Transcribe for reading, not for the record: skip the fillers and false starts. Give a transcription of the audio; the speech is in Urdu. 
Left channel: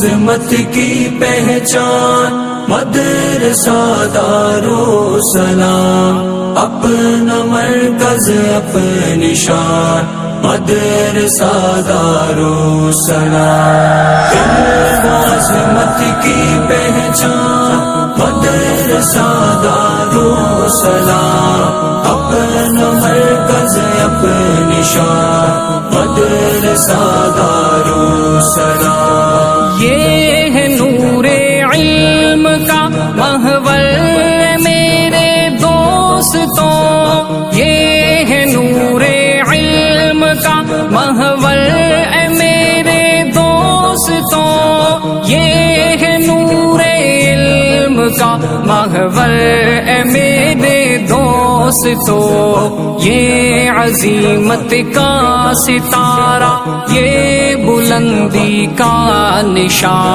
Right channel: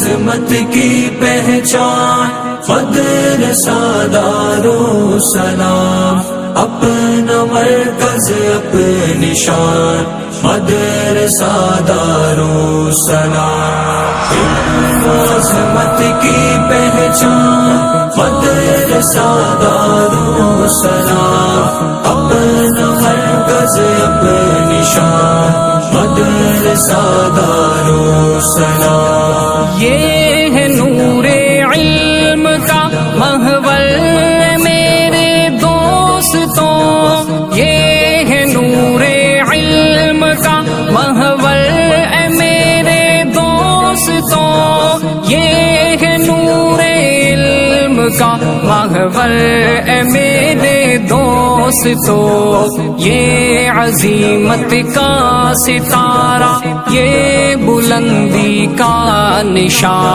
عظمت کی پہچان مدرسہ دارالسلام، اپنا مرکز اپنی شان مدرسہ دارالسلام، عظمت کی پہچان مدرسہ دارالسلام، اپنا مرکز اپنی شان مدرسہ دارالسلام۔ یہ ہے نور علم کا محور میرے دوستوں، یہ ہے نور علم کا محور میرے دوستوں، یہ ہے نور علم کا محور میرے دوستوں، یہ عظمت کا ستارہ، یہ بلندی کا نشان۔